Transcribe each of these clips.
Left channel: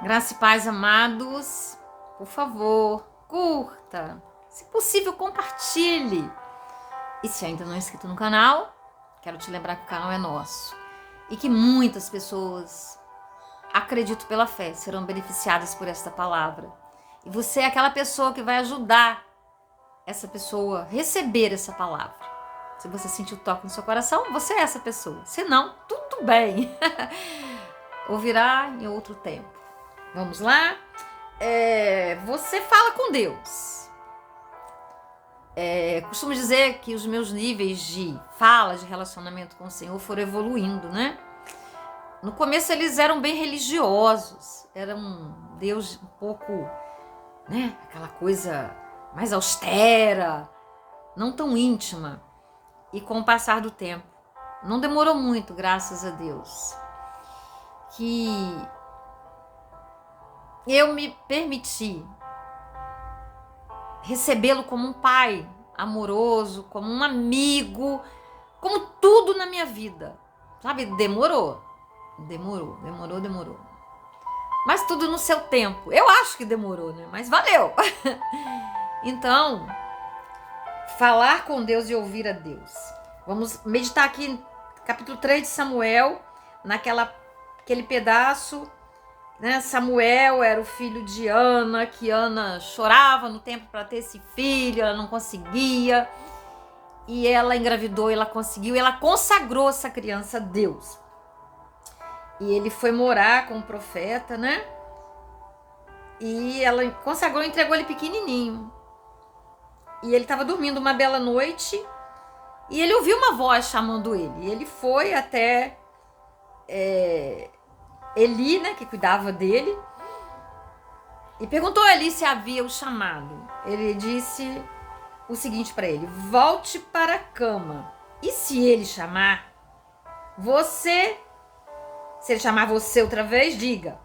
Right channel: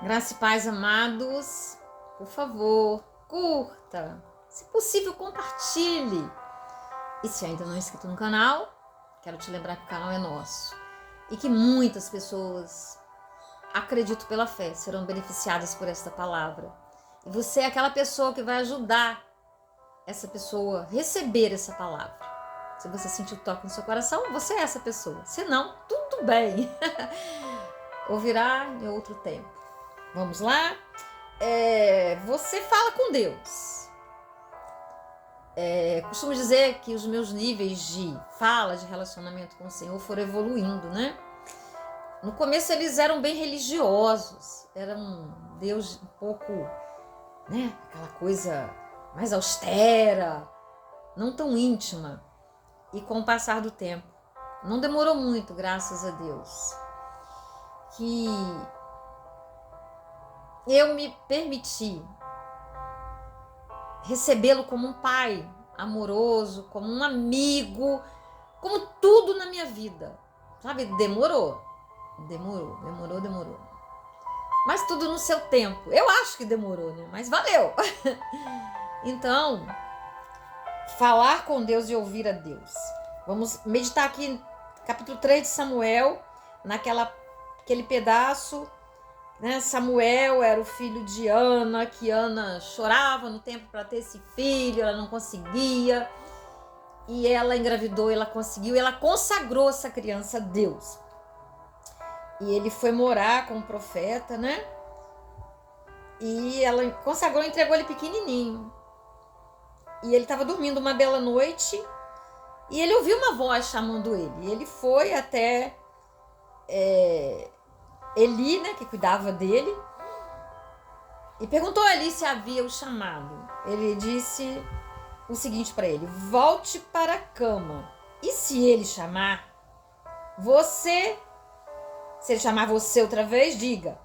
Graça e paz, amados. Por favor, curta. Se possível, compartilhe. E se ainda não é inscrito no canal, quero te lembrar que o canal é nosso. E que muitas pessoas, acredito pela fé, serão beneficiadas por esta palavra. E você é aquela pessoa que vai ajudar essa pessoa a receber essa palavra. Se você sentir o toque no seu coração, você é essa pessoa. Se não, tudo bem. Ouvirá em outro tempo. Vamos lá? Você fala com Deus. Costumo dizer que os meus níveis de fala, de relacionamento com o Senhor foram evoluindo, né? No começo eles eram bem religiosos. Era um Deus um pouco, né? Aquela coisa mais austera, não tão íntima. E com o passar do tempo, não demorou muito, graças a Deus, que eu me permiti recebê-lo como um pai amoroso, como um amigo, como tudo na minha vida. Sabe, demorou. Mas tudo no seu tempo. Eu acho que demorou, né? Mas valeu. Então, falar com Deus e ouvir a Deus. Vamos meditar aqui capítulo 3 de Samuel, naquele pedaço, né? Samuel era o filho de Ana, que Ana chorava no tempo para ter esse filho, ela não conseguia. E ela engravidou, ela conseguiu, ela consagrou essa criança a Deus. E ele foi morar com o profeta, né? E ela consagrou, entregou ele pequenininho. E ele estava dormindo uma bela noite e ele ouviu uma voz chamando ele. E ele foi até Eli, né, que cuidava dele, e perguntou a Eli se havia o chamado. Ele disse o seguinte para ele: volte para a cama. E se ele chamar você, se ele chamar você outra vez, diga:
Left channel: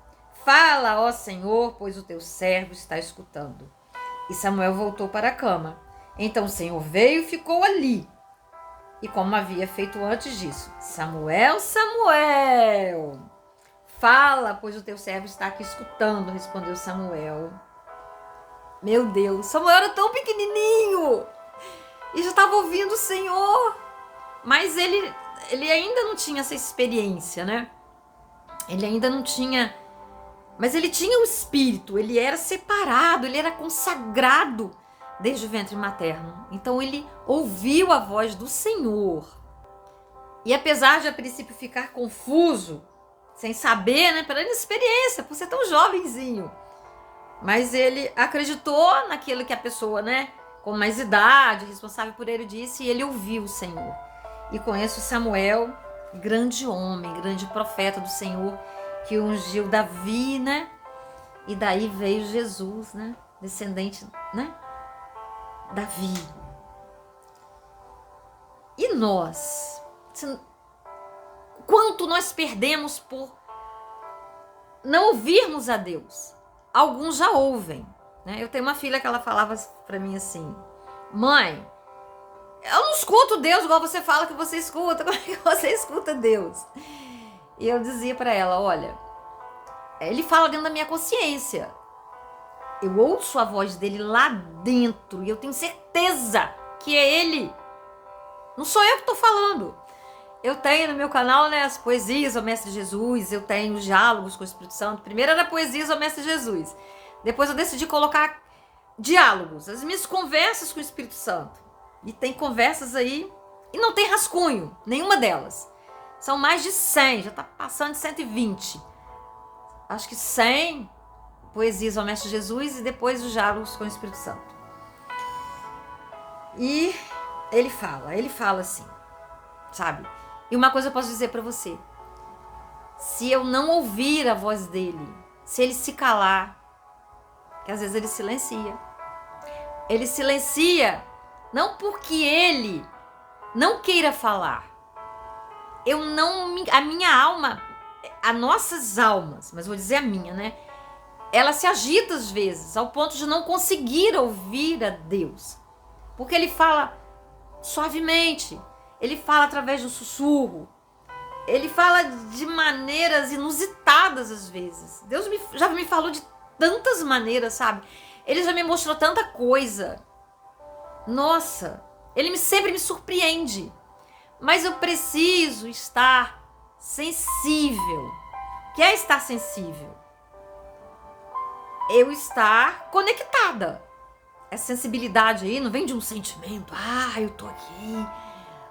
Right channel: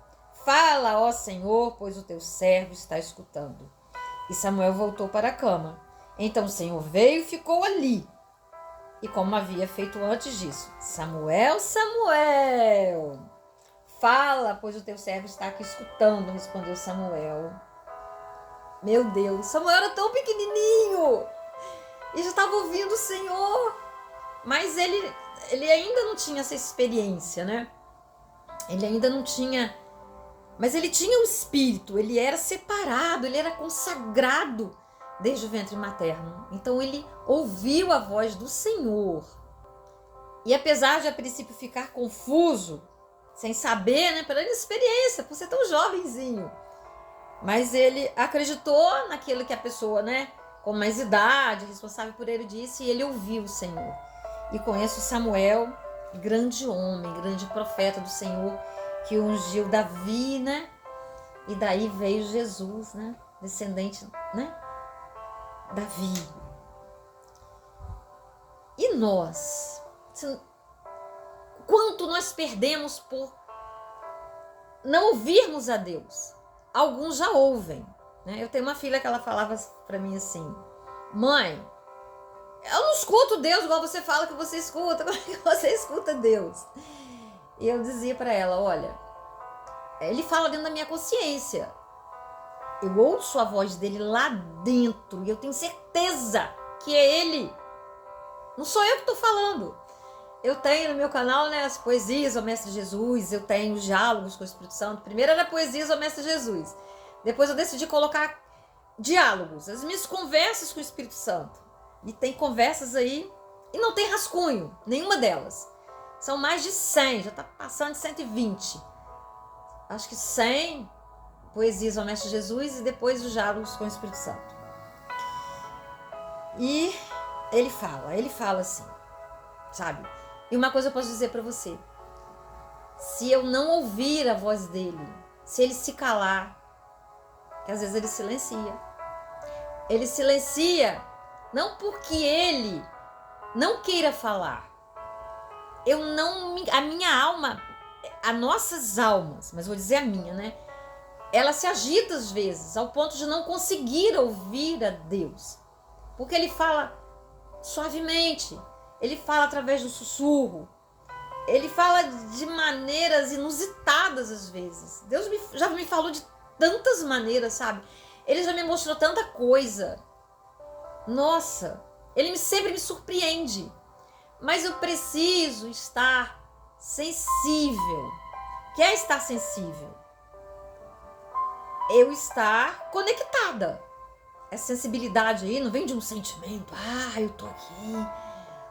fala, ó Senhor, pois o teu servo está escutando. E Samuel voltou para a cama. Então o Senhor veio e ficou ali. E como havia feito antes disso: Samuel, Samuel, fala, pois o teu servo está aqui escutando, respondeu Samuel. Meu Deus, Samuel era tão pequenininho e já estava ouvindo o Senhor, mas ele ainda não tinha essa experiência, né? Ele ainda não tinha, mas ele tinha o espírito, ele era separado, ele era consagrado desde o ventre materno. Então ele ouviu a voz do Senhor. E apesar de a princípio ficar confuso, sem saber, né, pela inexperiência, por ser tão jovenzinho, mas ele acreditou naquilo que a pessoa, né, com mais idade, responsável por ele, disse, e ele ouviu o Senhor. E conheço Samuel, grande homem, grande profeta do Senhor, que ungiu Davi, né? E daí veio Jesus, né? Descendente, né? Davi. E nós? Quanto nós perdemos por não ouvirmos a Deus? Alguns já ouvem, né? Eu tenho uma filha que ela falava para mim assim: mãe, eu não escuto Deus igual você fala que você escuta. Como é que você escuta Deus? E eu dizia para ela: olha, ele fala dentro da minha consciência. Eu ouço a voz dele lá dentro e eu tenho certeza que é ele. Não sou eu que estou falando. Eu tenho no meu canal, né, as poesias ao Mestre Jesus, eu tenho os diálogos com o Espírito Santo. Primeiro era poesias ao Mestre Jesus. Depois eu decidi colocar diálogos, as minhas conversas com o Espírito Santo. E tem conversas aí, e não tem rascunho, nenhuma delas. São mais de 100, já está passando de 120. Acho que 100 poesias ao Mestre Jesus e depois os diálogos com o Espírito Santo. E ele fala assim, sabe? E uma coisa eu posso dizer para você: se eu não ouvir a voz dele, se ele se calar, que às vezes ele silencia não porque ele não queira falar. A minha alma, as nossas almas, mas vou dizer a minha, né? Ela se agita às vezes, ao ponto de não conseguir ouvir a Deus. Porque ele fala suavemente, ele fala através do sussurro. ele fala de maneiras inusitadas às vezes. Deus já me falou de tantas maneiras, sabe? Ele já me mostrou tanta coisa. Nossa, ele sempre me surpreende. Mas eu preciso estar sensível. O que é estar sensível? Eu estar conectada. Essa sensibilidade aí não vem de um sentimento. Ah, eu tô aqui,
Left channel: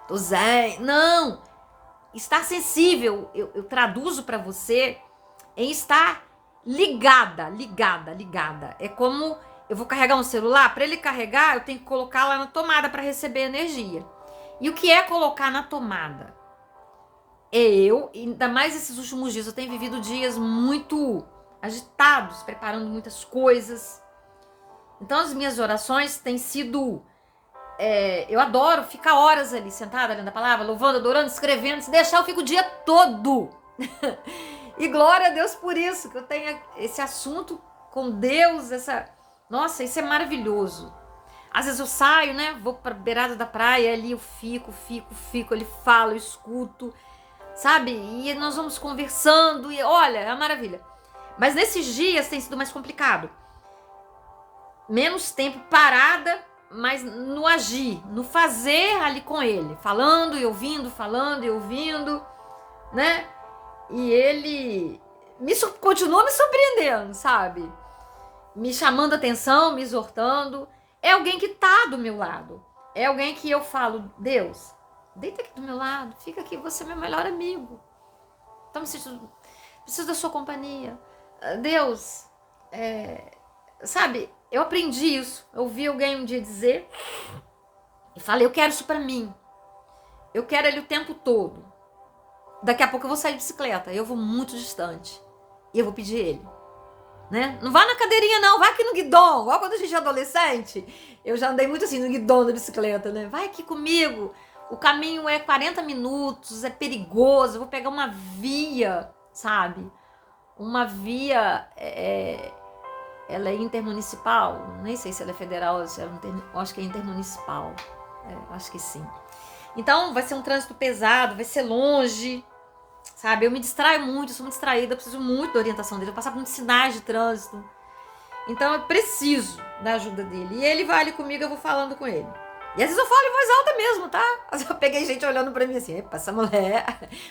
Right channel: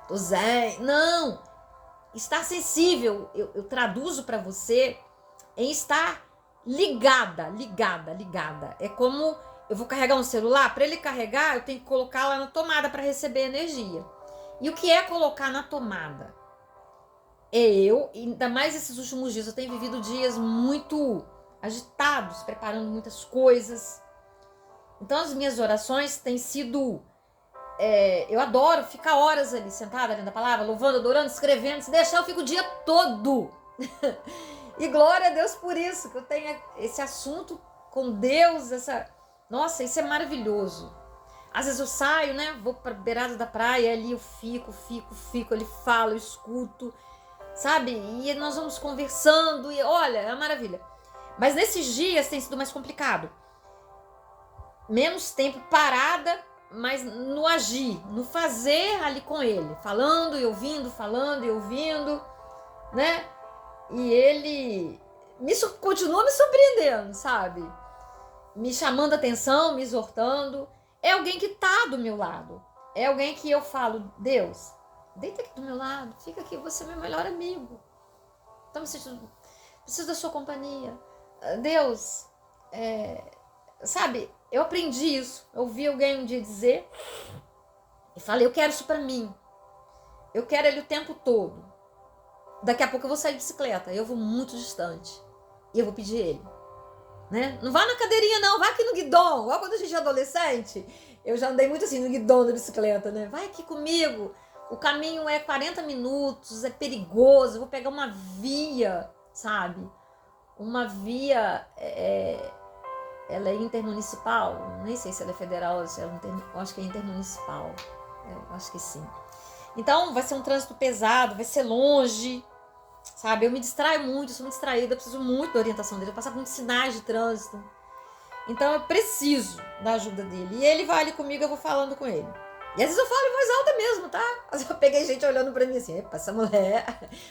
tô zen. Não. Estar sensível, eu traduzo para você em estar ligada. É como eu vou carregar um celular. Para ele carregar, eu tenho que colocar lá na tomada para receber energia. E o que é colocar na tomada? Ainda mais esses últimos dias, eu tenho vivido dias muito agitados, preparando muitas coisas. Então as minhas orações têm sido... eu adoro ficar horas ali, sentada, lendo a palavra, louvando, adorando, escrevendo. Se deixar, eu fico o dia todo. E glória a Deus por isso, que eu tenho esse assunto com Deus, Nossa, isso é maravilhoso. Às vezes eu saio, né, vou pra beirada da praia, ali eu fico, ele fala, eu escuto, sabe? E nós vamos conversando, e olha, é uma maravilha. Mas nesses dias tem sido mais complicado. Menos tempo parada, mas no agir, no fazer ali com ele. Falando e ouvindo, né? E ele continua me surpreendendo, sabe? Me chamando a atenção, me exortando. É alguém que tá do meu lado. É alguém que eu falo, Deus, deita aqui do meu lado, fica aqui, você é meu melhor amigo. Então, preciso da sua companhia. Deus, sabe, eu aprendi isso. Eu ouvi alguém um dia dizer e falei, eu quero isso pra mim. Eu quero ele o tempo todo. Daqui a pouco eu vou sair de bicicleta, eu vou muito distante e eu vou pedir ele. Né? Não vá na cadeirinha não, vai aqui no guidão. Igual quando a gente é adolescente, eu já andei muito assim no guidão da bicicleta, né? Vai aqui comigo, o caminho é 40 minutos, é perigoso, eu vou pegar uma via, sabe? Uma via, ela é intermunicipal, nem sei se ela é federal ou se ela acho que é intermunicipal, acho que sim. Então vai ser um trânsito pesado, vai ser longe, sabe? Eu me distraio muito, eu sou muito distraída, eu preciso muito da orientação dele, eu passo por muitos sinais de trânsito. Então eu preciso da ajuda dele. E ele vai ali comigo, eu vou falando com ele. E às vezes eu falo em voz alta mesmo, tá? Às vezes eu peguei gente olhando pra mim assim, epa, essa mulher.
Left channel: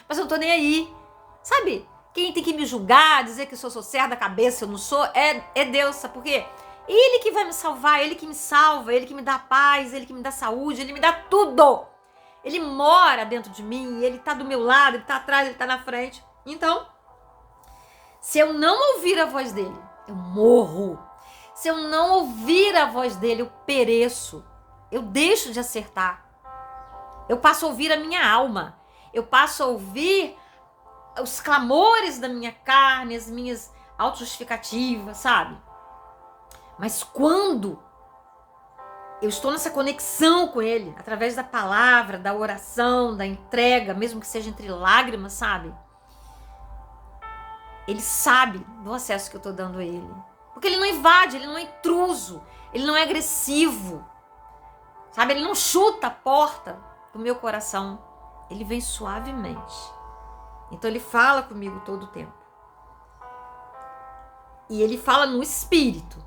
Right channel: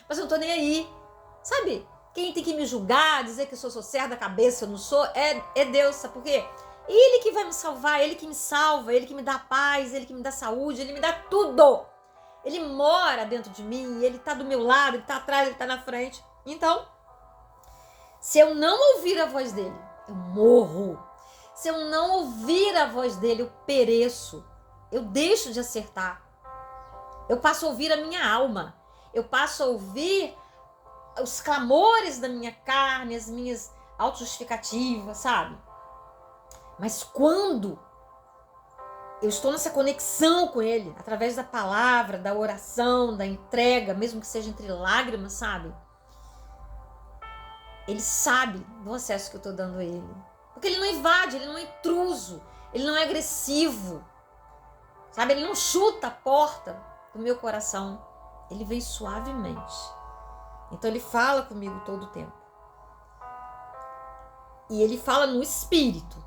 Mas eu não tô nem aí. Sabe? Quem tem que me julgar, dizer que eu sou certa da cabeça, eu não sou, é Deus, sabe por quê? Ele que vai me salvar, ele que me salva, ele que me dá paz, ele que me dá saúde, ele me dá tudo. Ele mora dentro de mim, ele tá do meu lado, ele tá atrás, ele tá na frente. Então, se eu não ouvir a voz dele, eu morro. Se eu não ouvir a voz dele, eu pereço. Eu deixo de acertar. Eu passo a ouvir a minha alma. Eu passo a ouvir os clamores da minha carne, as minhas autojustificativas, sabe? Mas quando eu estou nessa conexão com ele, através da palavra, da oração, da entrega, mesmo que seja entre lágrimas, sabe? Ele sabe do acesso que eu estou dando a ele. Porque ele não invade, ele não é intruso, ele não é agressivo, sabe? Ele não chuta a porta do meu coração, ele vem suavemente. Então ele fala comigo todo o tempo. E ele fala no espírito,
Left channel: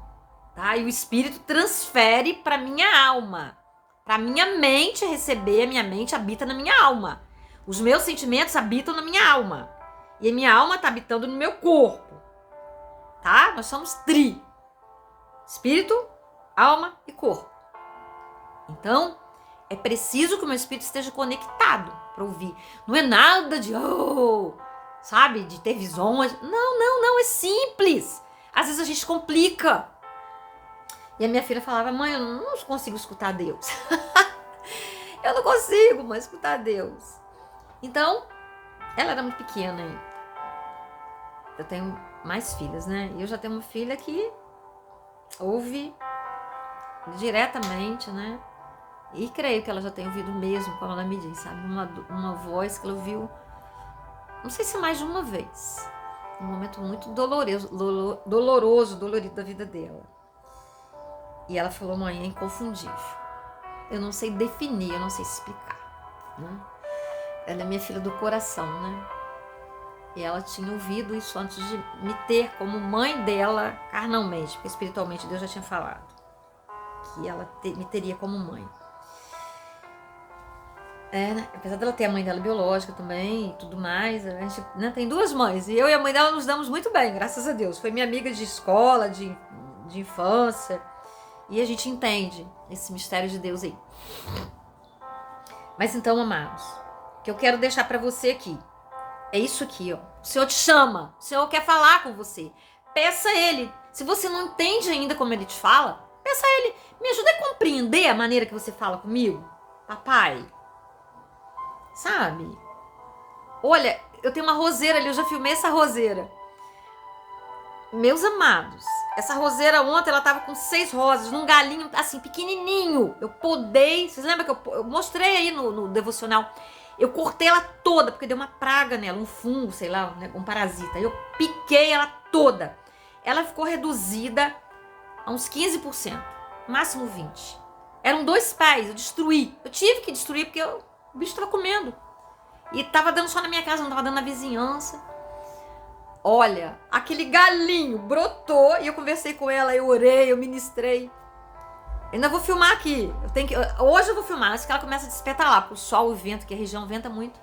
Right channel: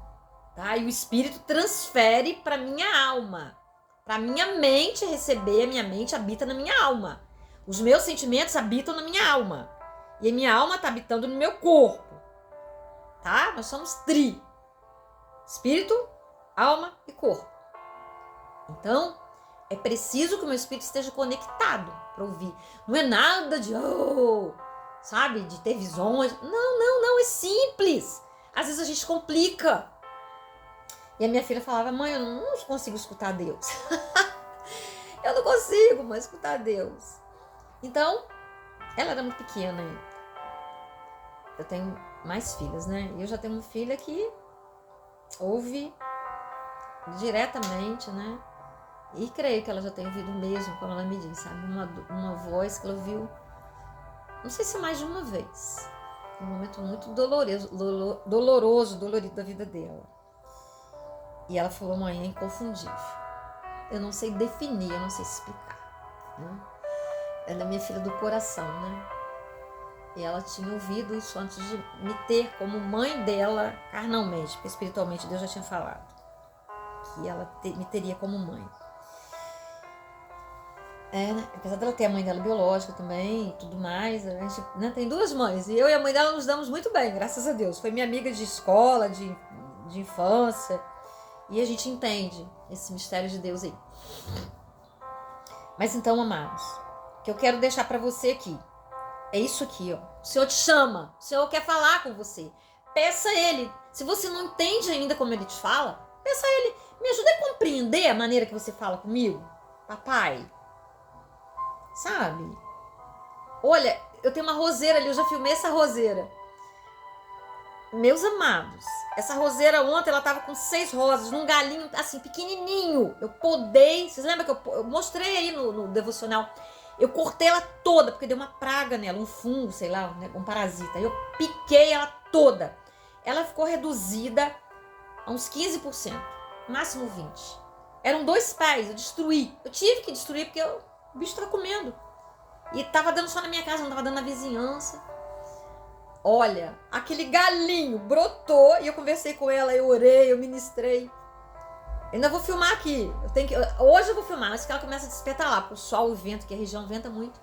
tá? E o espírito transfere para minha alma, para minha mente receber, a minha mente habita na minha alma. Os meus sentimentos habitam na minha alma. E a minha alma está habitando no meu corpo. Tá? Nós somos tri. Espírito, alma e corpo. Então, é preciso que o meu espírito esteja conectado para ouvir. Não é nada de, sabe, de ter visões. Não, é simples. Às vezes a gente complica. E a minha filha falava, mãe, eu não consigo escutar Deus. Eu não consigo mais escutar Deus. Então, ela era muito pequena ainda. Eu tenho mais filhas, né? E eu já tenho uma filha que ouve diretamente, né? E creio que ela já tem ouvido mesmo, como ela me diz, sabe? Uma voz que ela ouviu, não sei se mais de uma vez. Um momento muito dolorido da vida dela. E ela falou, mãe, é inconfundível. Eu não sei definir, eu não sei explicar, né? Ela é minha filha do coração, né? E ela tinha ouvido isso antes de me ter como mãe dela carnalmente, porque espiritualmente Deus já tinha falado que ela me teria como mãe. Né? Apesar dela ter a mãe dela biológica também e tudo mais, a gente, né, tem duas mães. E eu e a mãe dela nos damos muito bem, graças a Deus. Foi minha amiga de escola, de infância. E a gente entende esse mistério de Deus aí. Mas então, amados, o que eu quero deixar para você aqui é isso aqui, ó. O Senhor te chama, o Senhor quer falar com você. Peça a Ele. Se você não entende ainda como Ele te fala, peça a Ele. Me ajuda a compreender a maneira que você fala comigo, papai. Sabe? Olha, eu tenho uma roseira ali, eu já filmei essa roseira. Meus amados, essa roseira ontem, ela tava com 6 rosas, num galinho, assim, pequenininho. Eu podei, vocês lembram que eu mostrei aí no devocional? Eu cortei ela toda, porque deu uma praga nela, um fungo, sei lá, um parasita. Eu piquei ela toda. Ela ficou reduzida a uns 15%, máximo 20%. Eram 2 pés, eu destruí. Eu tive que destruir, porque o bicho tava comendo. E tava dando só na minha casa, não tava dando na vizinhança. Olha, aquele galinho brotou e eu conversei com ela, eu orei, eu ministrei. Eu ainda vou filmar aqui. Hoje eu vou filmar, antes que ela comece a despertar lá, porque o sol e o vento, que a região venta muito.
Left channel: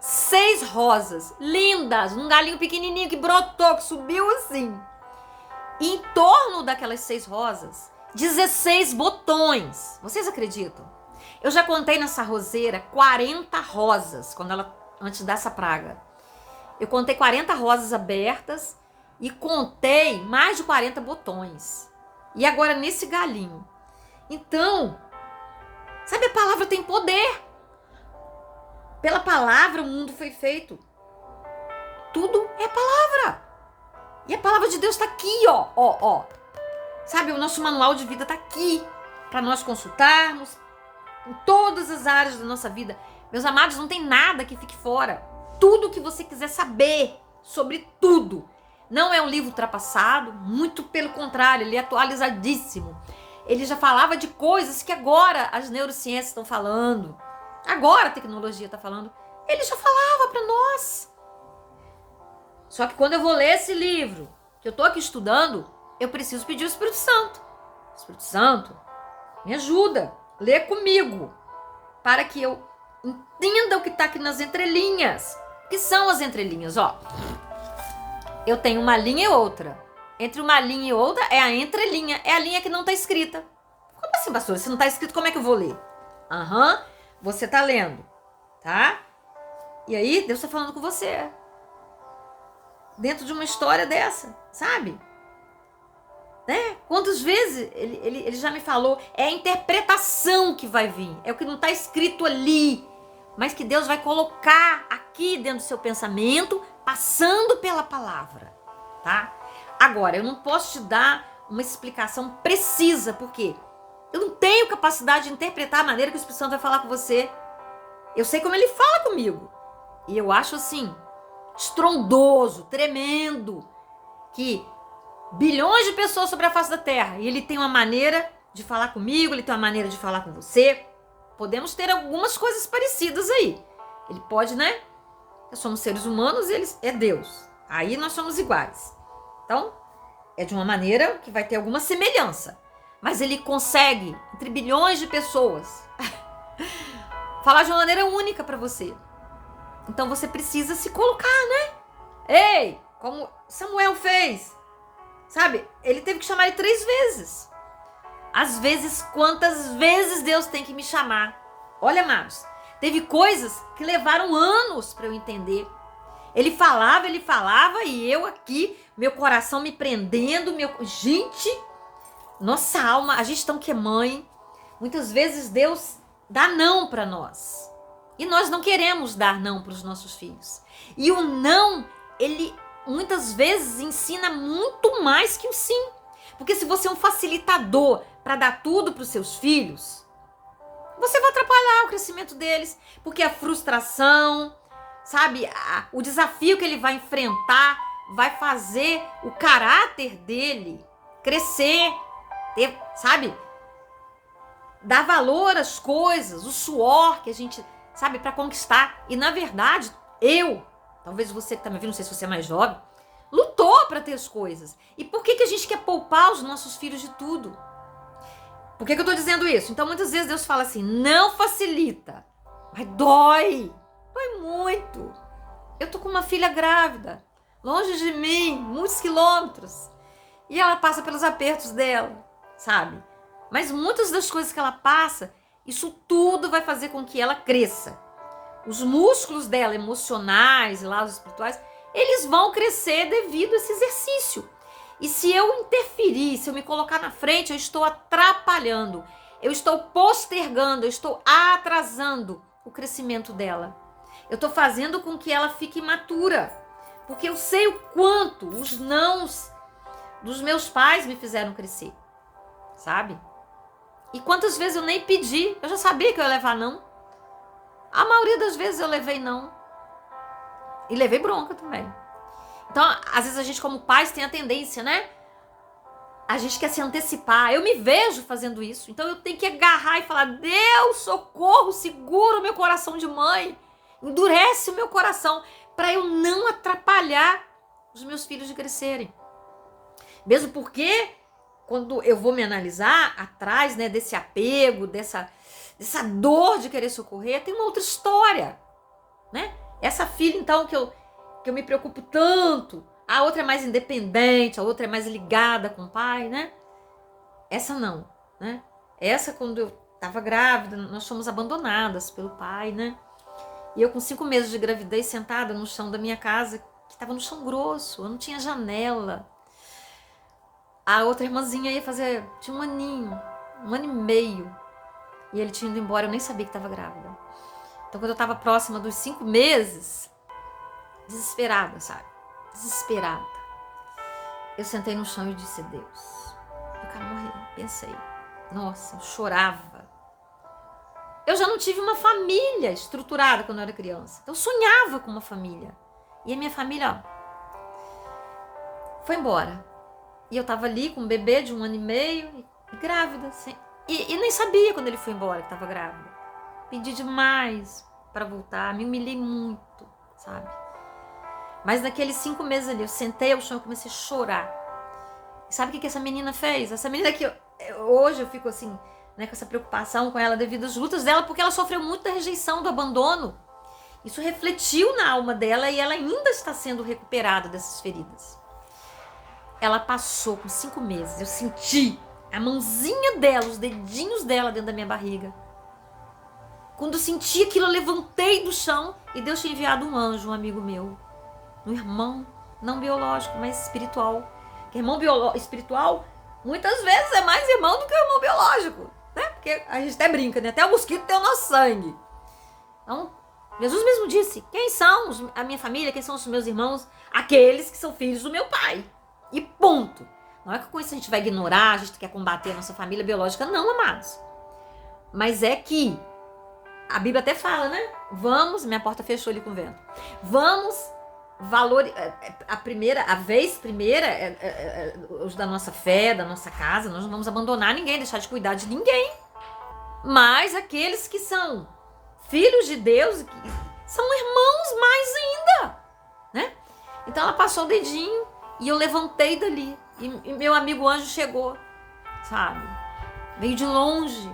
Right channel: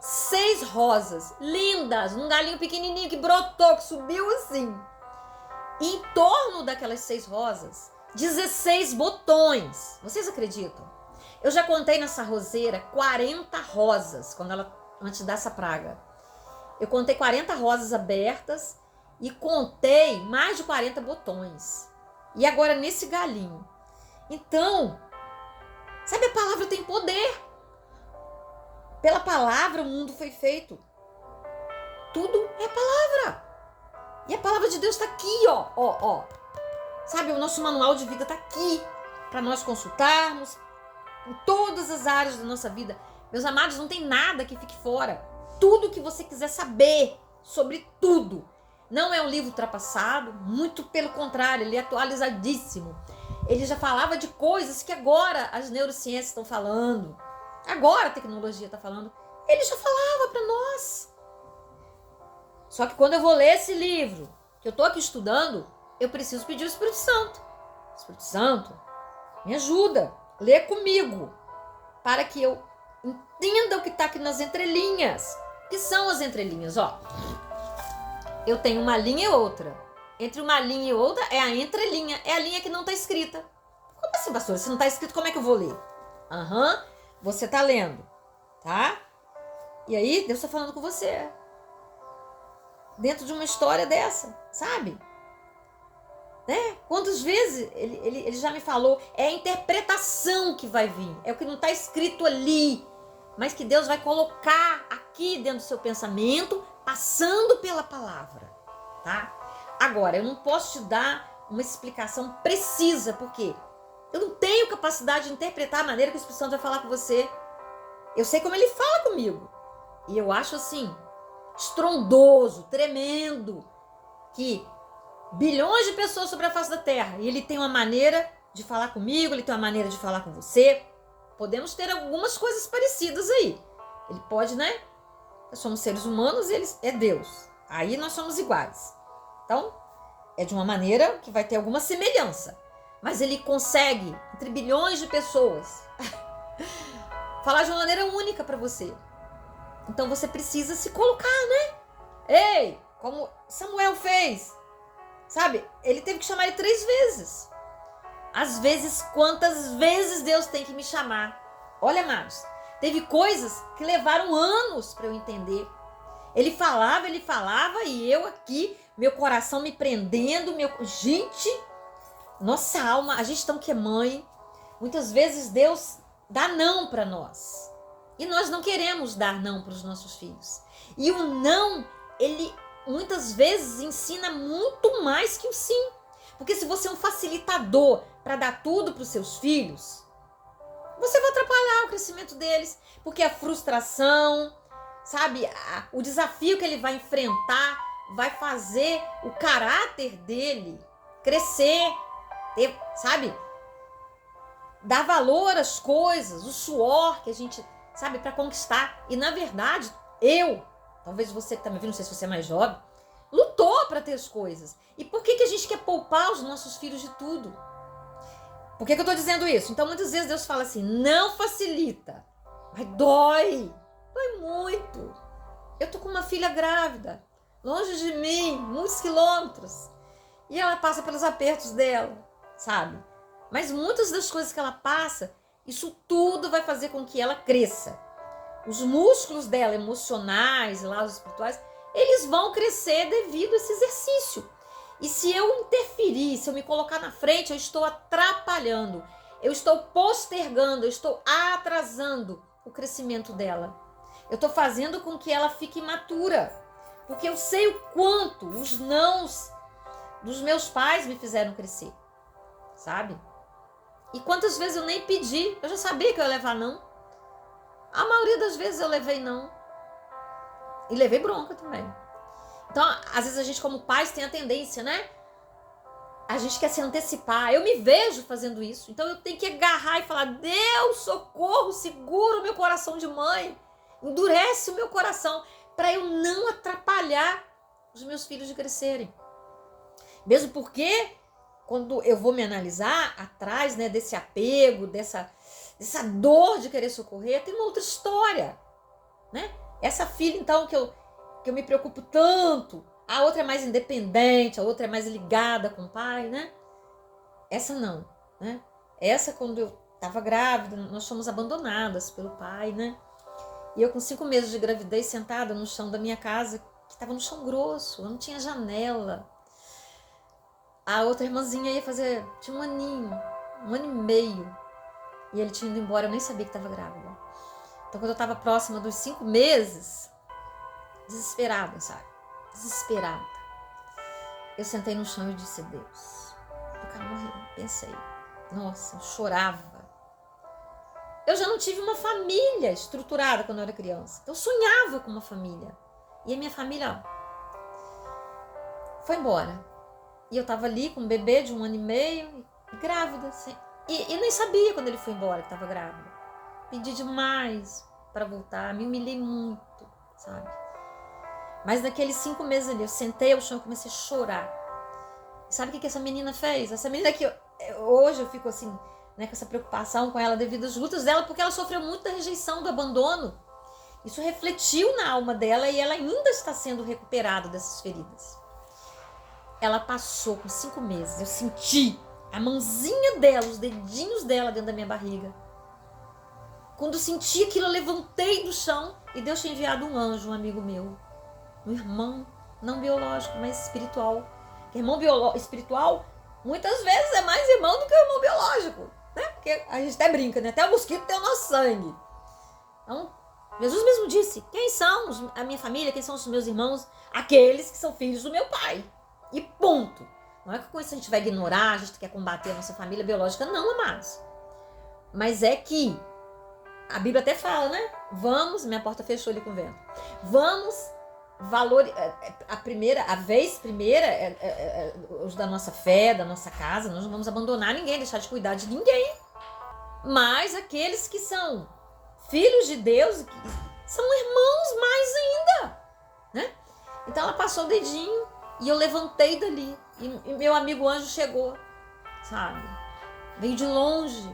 6 rosas, lindas, um galinho pequenininho que brotou, que subiu assim. E em torno daquelas 6 rosas, 16 botões. Vocês acreditam? Eu já contei nessa roseira 40 rosas, antes dessa praga. Eu contei 40 rosas abertas e contei mais de 40 botões. E agora nesse galinho. Então, sabe, a palavra tem poder. Pela palavra o mundo foi feito. Tudo é palavra. E a palavra de Deus está aqui, ó. Sabe, o nosso manual de vida está aqui para nós consultarmos em todas as áreas da nossa vida. Meus amados, não tem nada que fique fora. Tudo que você quiser saber sobre tudo. Não é um livro ultrapassado, muito pelo contrário, ele é atualizadíssimo. Ele já falava de coisas que agora as neurociências estão falando. Agora a tecnologia está falando. Ele já falava para nós. Só que quando eu vou ler esse livro, que eu estou aqui estudando, eu preciso pedir o Espírito Santo. Espírito Santo, me ajuda, lê comigo, para que eu entenda o que está aqui nas entrelinhas. O que são as entrelinhas? Ó, eu tenho uma linha e outra. Entre uma linha e outra é a entrelinha. É a linha que não está escrita. Como assim, pastor? Se não está escrito, como é que eu vou ler? Você está lendo, tá? E aí, Deus está falando com você. Dentro de uma história dessa, sabe? Né? Quantas vezes ele já me falou, é a interpretação que vai vir. É o que não está escrito ali. Mas que Deus vai colocar aqui dentro do seu pensamento, passando pela palavra, tá? Agora, eu não posso te dar uma explicação precisa, porque eu não tenho capacidade de interpretar a maneira que o Espírito Santo vai falar com você. Eu sei como ele fala comigo. E eu acho assim, estrondoso, tremendo, que bilhões de pessoas sobre a face da terra, e ele tem uma maneira de falar comigo, ele tem uma maneira de falar com você. Podemos ter algumas coisas parecidas aí. Ele pode, né? Nós somos seres humanos, ele é Deus. Aí nós somos iguais. Então, é de uma maneira que vai ter alguma semelhança. Mas ele consegue, entre bilhões de pessoas, falar de uma maneira única para você. Então você precisa se colocar, né? Ei, como Samuel fez. Sabe? Ele teve que chamar ele 3 vezes. Às vezes, quantas vezes Deus tem que me chamar? Olha, amados, teve coisas que levaram anos para eu entender. Ele falava e eu aqui, meu coração me prendendo, Gente, nossa alma, a gente tão que é mãe. Muitas vezes Deus dá não para nós. E nós não queremos dar não para os nossos filhos. E o não, ele muitas vezes ensina muito mais que o sim. Porque se você é um facilitador para dar tudo para os seus filhos, você vai atrapalhar o crescimento deles. Porque a frustração, sabe, o desafio que ele vai enfrentar vai fazer o caráter dele crescer, sabe, dar valor às coisas, o suor que a gente, sabe, para conquistar. E na verdade, eu talvez você que tá me vendo, não sei se você é mais jovem, lutou para ter as coisas. E por que a gente quer poupar os nossos filhos de tudo? Por que eu tô dizendo isso? Então, muitas vezes Deus fala assim, não facilita, mas dói muito. Eu tô com uma filha grávida, longe de mim, muitos quilômetros, e ela passa pelos apertos dela, sabe? Mas muitas das coisas que ela passa, isso tudo vai fazer com que ela cresça. Os músculos dela, emocionais, lados espirituais, eles vão crescer devido a esse exercício. E se eu interferir, se eu me colocar na frente, eu estou atrapalhando, eu estou postergando, eu estou atrasando o crescimento dela. Eu estou fazendo com que ela fique imatura, porque eu sei o quanto os nãos dos meus pais me fizeram crescer, sabe? E quantas vezes eu nem pedi, eu já sabia que eu ia levar não. A maioria das vezes eu levei não. E levei bronca também. Então, às vezes a gente como pais tem a tendência, né? A gente quer se antecipar. Eu me vejo fazendo isso. Então eu tenho que agarrar e falar, Deus, socorro, segura o meu coração de mãe. Endurece o meu coração para eu não atrapalhar os meus filhos de crescerem. Mesmo porque, quando eu vou me analisar atrás, né, desse apego, dessa dor de querer socorrer, tem uma outra história, né? Essa filha, então, que eu me preocupo tanto, a outra é mais independente, a outra é mais ligada com o pai, né? Essa não, né? Essa, quando eu estava grávida, nós fomos abandonadas pelo pai, né? E eu com 5 meses de gravidez, sentada no chão da minha casa, que estava no chão grosso, eu não tinha janela. A outra irmãzinha ia fazer, tinha um aninho, 1 ano e meio. E ele tinha ido embora, eu nem sabia que estava grávida. Então, quando eu estava próxima dos 5 meses, desesperada, sabe? Desesperada. Eu sentei no chão e disse, Deus, eu quero morrer. Pensei, nossa, eu chorava. Eu já não tive uma família estruturada quando eu era criança. Então, eu sonhava com uma família. E a minha família, ó, foi embora. E eu tava ali com um bebê de 1 ano e meio, e grávida, assim. E nem sabia quando ele foi embora que tava grávida. Pedi demais para voltar, me humilhei muito, sabe? Mas naqueles 5 meses ali, eu sentei ao chão e comecei a chorar. E sabe o que essa menina fez? Essa menina que hoje eu fico assim, né, com essa preocupação com ela devido às lutas dela, porque ela sofreu muito da rejeição, do abandono. Isso refletiu na alma dela e ela ainda está sendo recuperada dessas feridas. Ela passou com 5 meses, eu senti a mãozinha dela, os dedinhos dela dentro da minha barriga. Quando eu senti aquilo, eu levantei do chão e Deus tinha enviado um anjo, um amigo meu. Um irmão, não biológico, mas espiritual. Porque irmão espiritual, muitas vezes é mais irmão do que o irmão biológico, né? Porque a gente até brinca, né? Até o mosquito tem o nosso sangue. Então, Jesus mesmo disse, quem são a minha família, quem são os meus irmãos? Aqueles que são filhos do meu pai. E ponto. Não é que com isso a gente vai ignorar, a gente quer combater a nossa família biológica, não, amados. Mas é que a Bíblia até fala, né? Vamos, minha porta fechou ali com o vento. Vamos a vez primeira os da nossa fé, da nossa casa, nós não vamos abandonar ninguém, deixar de cuidar de ninguém. Mas aqueles que são filhos de Deus, são irmãos mais ainda, né? Então ela passou o dedinho e eu levantei dali. E meu amigo anjo chegou, sabe? Veio de longe.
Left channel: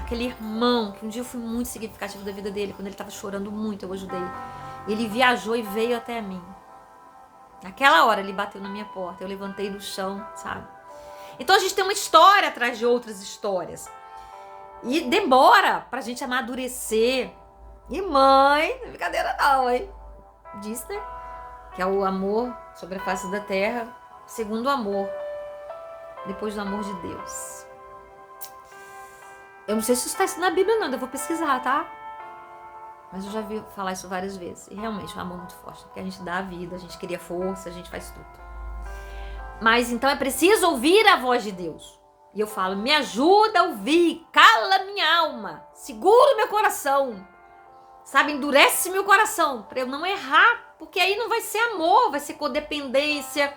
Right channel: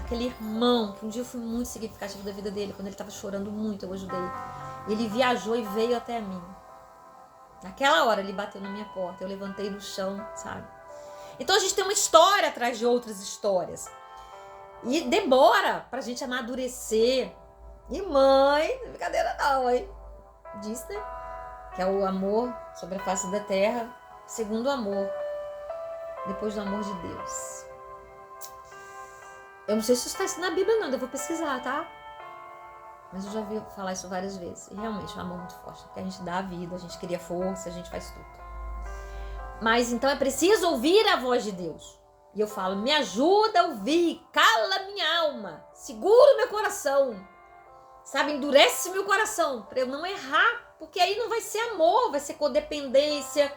Aquele irmão, que um dia eu fui muito significativo da vida dele, quando ele estava chorando muito, eu ajudei. Ele viajou e veio até mim. Naquela hora ele bateu na minha porta, eu levantei do chão, sabe? Então a gente tem uma história atrás de outras histórias. E demora pra gente amadurecer. E mãe, brincadeira não, hein? Diz, né? Que é o amor sobre a face da terra, segundo o amor, depois do amor de Deus. Eu não sei se isso está escrito na Bíblia, não, eu vou pesquisar, tá? Mas eu já vi falar isso várias vezes. E realmente é um amor muito forte, porque a gente dá a vida, a gente cria força, a gente faz tudo. Mas então é preciso ouvir a voz de Deus. E eu falo, me ajuda a ouvir, cala minha alma, segura meu coração, sabe? Endurece meu coração, para eu não errar, porque aí não vai ser amor, vai ser codependência,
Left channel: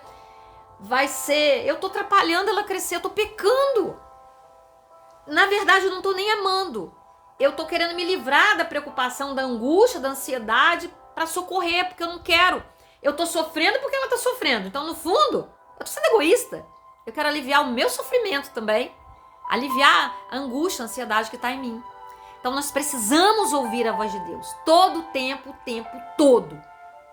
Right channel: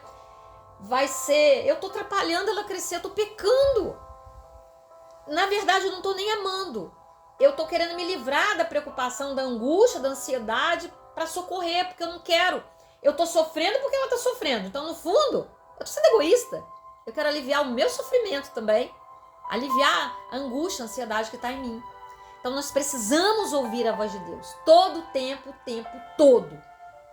vai ser... Eu tô atrapalhando ela crescer, eu tô pecando. Na verdade, eu não tô nem amando. Eu tô querendo me livrar da preocupação, da angústia, da ansiedade, para socorrer, porque eu não quero. Eu tô sofrendo porque ela tá sofrendo. Então, no fundo, eu tô sendo egoísta. Eu quero aliviar o meu sofrimento também. Aliviar a angústia, a ansiedade que está em mim. Então, nós precisamos ouvir a voz de Deus. Todo o tempo todo.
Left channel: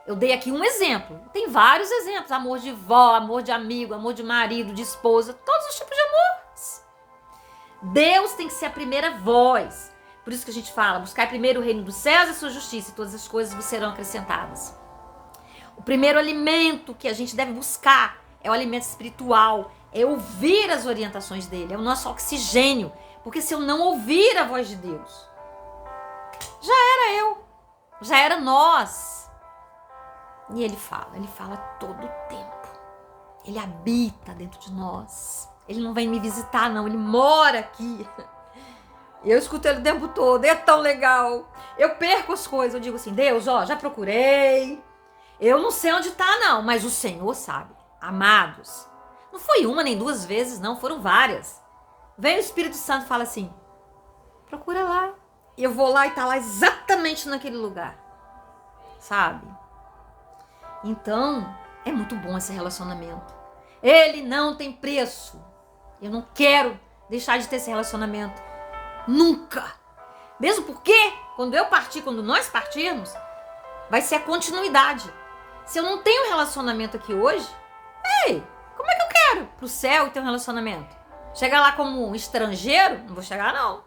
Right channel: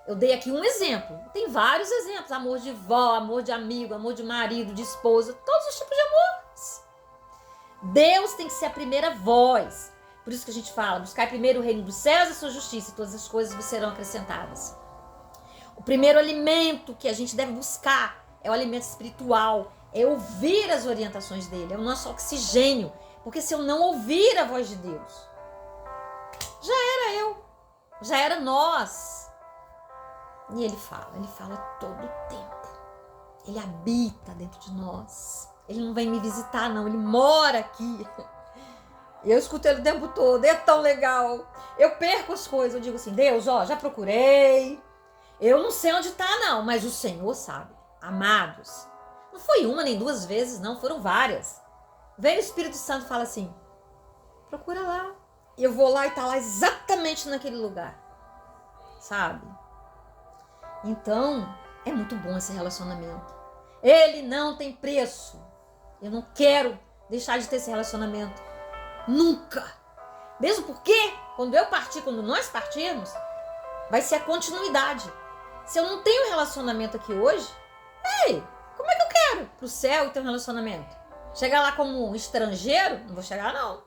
Eu dei aqui um exemplo. Tem vários exemplos. Amor de vó, amor de amigo, amor de marido, de esposa. Todos os tipos de amores. Deus tem que ser a primeira voz. Por isso que a gente fala, buscar primeiro o reino dos céus e a sua justiça, e todas as coisas vos serão acrescentadas. O primeiro alimento que a gente deve buscar é o alimento espiritual, é ouvir as orientações dele, é o nosso oxigênio. Porque se eu não ouvir a voz de Deus, já era eu, já era nós. E ele fala todo o tempo. Ele habita dentro de nós. Ele não vem me visitar, não, ele mora aqui. Eu escuto ele o tempo todo, é tão legal. Eu perco as coisas, eu digo assim, Deus, ó, já procurei. Eu não sei onde tá, não, mas o Senhor sabe. Amados, não foi uma nem duas vezes, não, foram várias. Vem o Espírito Santo e fala assim, procura lá. E eu vou lá e tá lá exatamente naquele lugar. Sabe? Então, é muito bom esse relacionamento. Ele não tem preço. Eu não quero deixar de ter esse relacionamento. Nunca. Mesmo porque, quando nós partirmos, vai ser a continuidade. Se eu não tenho relacionamento aqui hoje, como é que eu quero pro céu e ter um relacionamento? Chegar lá como um estrangeiro? Não vou chegar, não.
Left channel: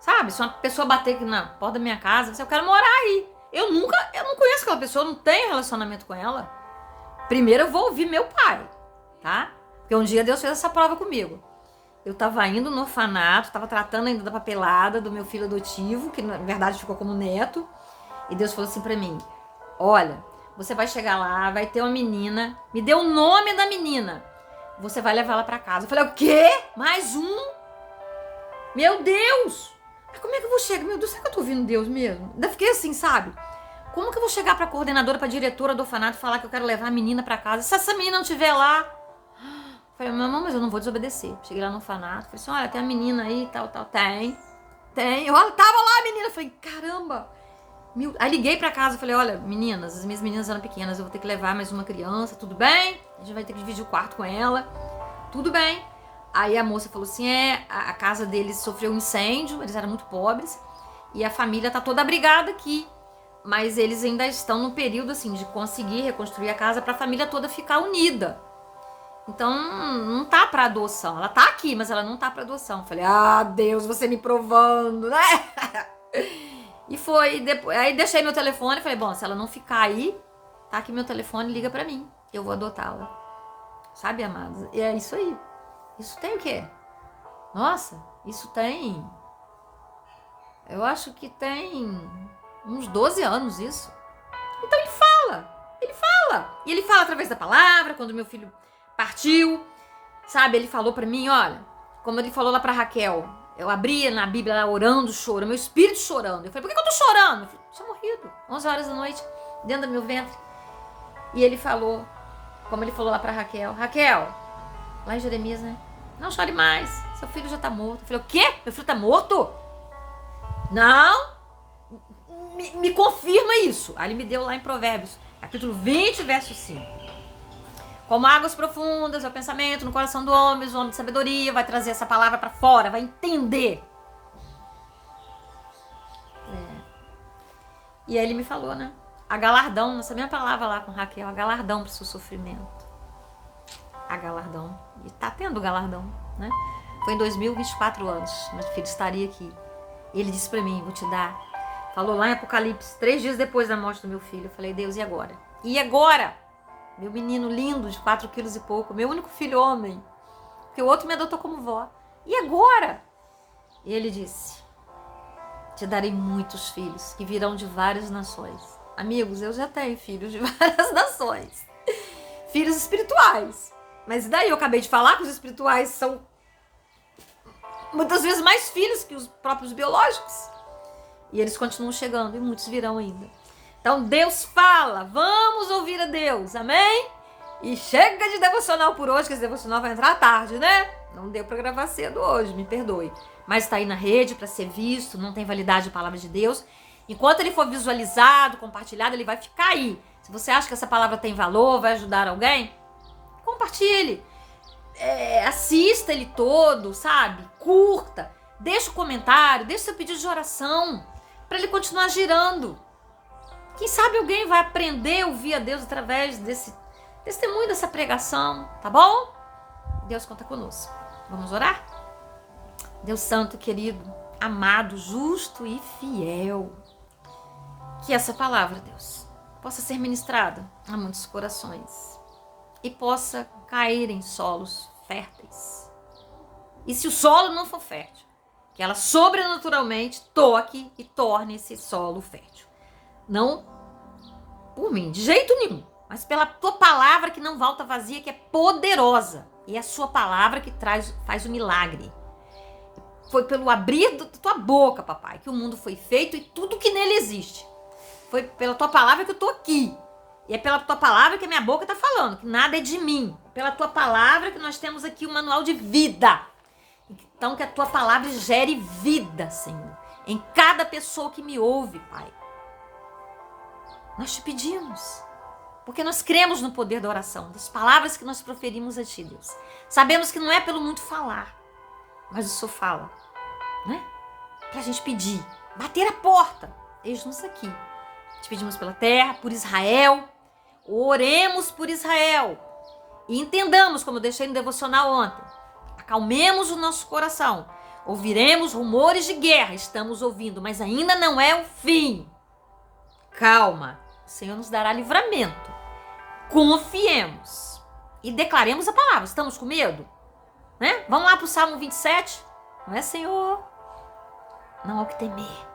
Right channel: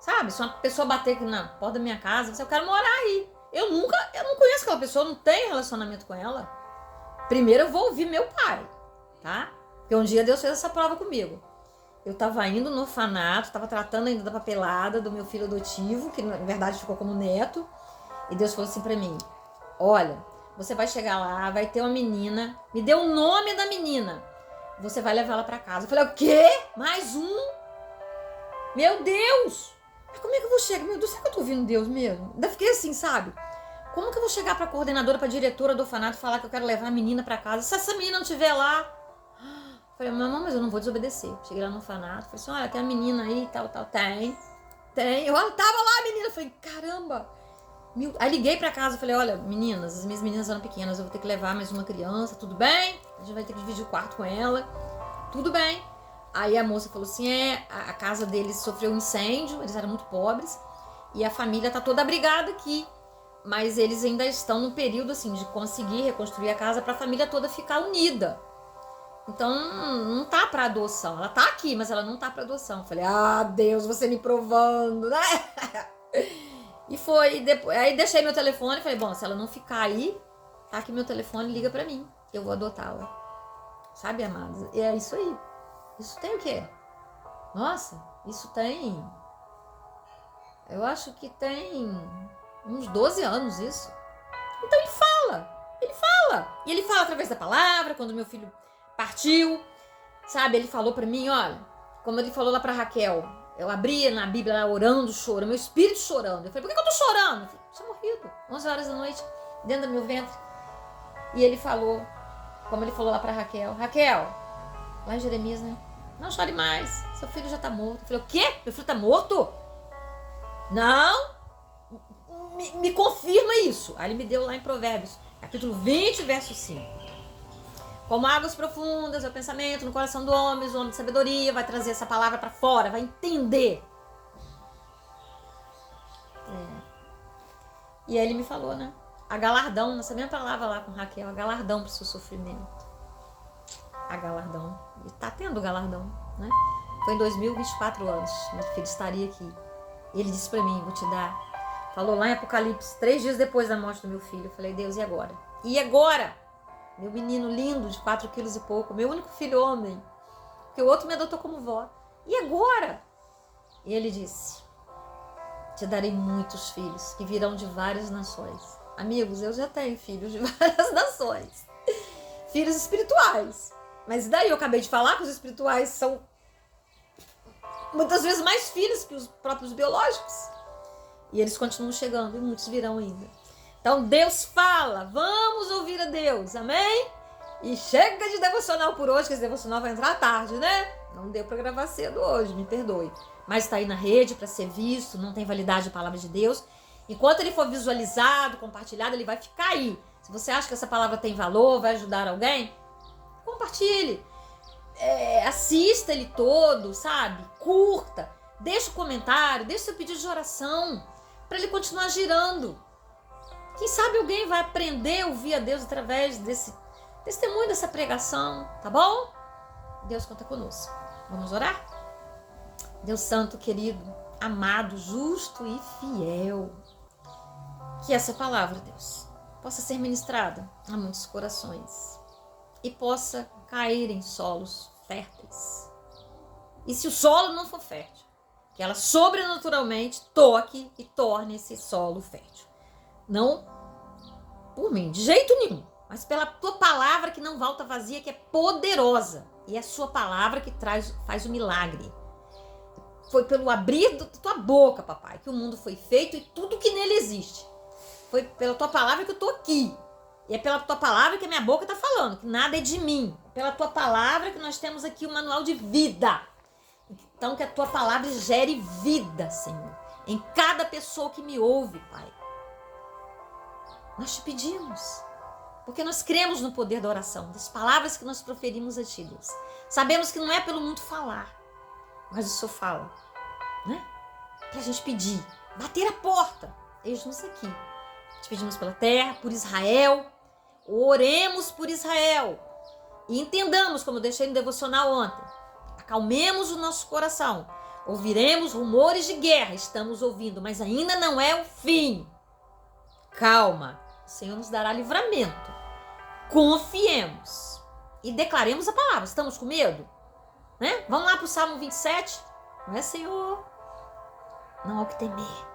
Sabe? Se uma pessoa bater aqui na porta da minha casa, eu quero morar aí. Eu não conheço aquela pessoa, não tenho relacionamento com ela. Primeiro eu vou ouvir meu pai, tá? Porque um dia Deus fez essa prova comigo. Eu tava indo no orfanato, tava tratando ainda da papelada do meu filho adotivo, que na verdade ficou como neto. E Deus falou assim pra mim, olha, você vai chegar lá, vai ter uma menina, me dê o nome da menina, você vai levar ela pra casa. Eu falei, o quê? Mais um? Meu Deus! Mas como é que eu vou chegar? Meu Deus, será que eu tô ouvindo Deus mesmo? Ainda fiquei assim, sabe? Como que eu vou chegar pra coordenadora, pra diretora do orfanato e falar que eu quero levar a menina pra casa? Se essa menina não estiver lá... Eu falei, mamãe, mas eu não vou desobedecer. Cheguei lá no orfanato, falei assim, olha, tem a menina aí, tal. Tem. Eu tava lá, a menina. Eu falei, caramba. Aí liguei pra casa, falei, olha, meninas, as minhas meninas eram pequenas, eu vou ter que levar mais uma criança, tudo bem? A gente vai ter que dividir o quarto com ela. Tudo bem. Aí a moça falou assim, a casa deles sofreu um incêndio, eles eram muito pobres, e a família tá toda abrigada aqui. Mas eles ainda estão no período, assim, de conseguir reconstruir a casa pra família toda ficar unida. Então, não tá pra adoção. Ela tá aqui, mas ela não tá pra adoção. Eu falei, Deus, você me provando, né? E foi, depois, aí deixei meu telefone, falei, bom, se ela não ficar aí, tá aqui meu telefone, liga pra mim, eu vou adotá-la. Sabe, amados? E é isso aí. Isso tem o quê? Nossa, isso tem... Eu acho que tem uns 12 anos isso. Então ele fala. E ele fala através da palavra, quando meu filho partiu, sabe? Ele falou pra mim, olha, como ele falou lá pra Raquel, eu abria na Bíblia lá orando, chorando, meu espírito chorando. Eu falei, por que eu tô chorando? Eu falei, tinha morrido, 11 horas da noite, dentro do meu ventre. E ele falou, como ele falou lá pra Raquel, lá em Jeremias, né? Não chore mais, seu filho já tá morto. Eu falei, o quê? Meu filho tá morto? Não, me confirma isso. Aí ele me deu lá em Provérbios, capítulo 20, verso 5. Como águas profundas é o pensamento no coração do homem, o homem de sabedoria vai trazer essa palavra pra fora, vai entender. E aí ele me falou, né? A galardão, nessa mesma palavra lá com Raquel, a galardão pro seu sofrimento. A galardão. E tá tendo galardão, né? Foi em 2024 anos, meu filho estaria aqui. E ele disse pra mim, vou te dar. Falou lá em Apocalipse, 3 dias depois da morte do meu filho. Eu falei, Deus, e agora? E agora? Meu menino lindo, de 4 quilos e pouco, meu único filho homem, que o outro me adotou como vó. E agora? E ele disse, te darei muitos filhos, que virão de várias nações. Amigos, eu já tenho filhos de várias nações. Filhos espirituais. Mas daí eu acabei de falar que os espirituais são muitas vezes mais filhos que os próprios biológicos. E eles continuam chegando, e muitos virão ainda. Então Deus fala, vamos ouvir a Deus, amém? E chega de devocional por hoje, que esse devocional vai entrar à tarde, né? Não deu para gravar cedo hoje, me perdoe. Mas está aí na rede para ser visto, não tem validade a palavra de Deus. Enquanto ele for visualizado, compartilhado, ele vai ficar aí. Se você acha que essa palavra tem valor, vai ajudar alguém, compartilhe. Assista ele todo, sabe? Curta. Deixa o comentário, deixa seu pedido de oração para ele continuar girando. Quem sabe alguém vai aprender a ouvir a Deus através desse testemunho, dessa pregação, tá bom? Deus conta conosco. Vamos orar? Deus santo, querido, amado, justo e fiel. Que essa palavra, Deus, possa ser ministrada a muitos corações e possa cair em solos férteis. E se o solo não for fértil, que ela sobrenaturalmente toque e torne esse solo fértil. Não por mim, de jeito nenhum, mas pela tua palavra que não volta vazia, que é poderosa. E é a sua palavra que faz o milagre. Foi pelo abrir da tua boca, papai, que o mundo foi feito e tudo que nele existe. Foi pela tua palavra que eu tô aqui. E é pela tua palavra que a minha boca tá falando, que nada é de mim. É pela tua palavra que nós temos aqui o manual de vida. Então que a tua palavra gere vida, Senhor, em cada pessoa que me ouve, Pai. Nós te pedimos, porque nós cremos no poder da oração, das palavras que nós proferimos a Ti, Deus. Sabemos que não é pelo muito falar, mas o Senhor fala, né? Pra gente pedir, bater a porta, eis-nos aqui. Te pedimos pela terra, por Israel, oremos por Israel e entendamos, como eu deixei no devocional ontem, acalmemos o nosso coração, ouviremos rumores de guerra, estamos ouvindo, mas ainda não é o fim. Calma, o Senhor nos dará livramento. Confiemos e declaremos a palavra. Estamos com medo? Né? Vamos lá para o Salmo 27. Não é, Senhor? Não há o que temer.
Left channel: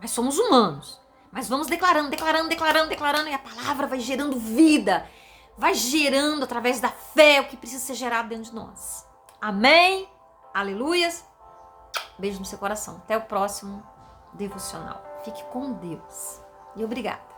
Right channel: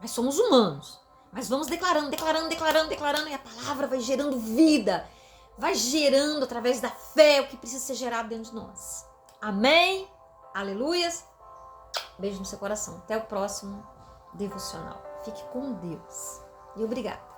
Mas somos humanos. Mas vamos declarando, e a palavra vai gerando vida. Vai gerando através da fé o que precisa ser gerado dentro de nós. Amém? Aleluias. Beijo no seu coração. Até o próximo devocional. Fique com Deus. E obrigada.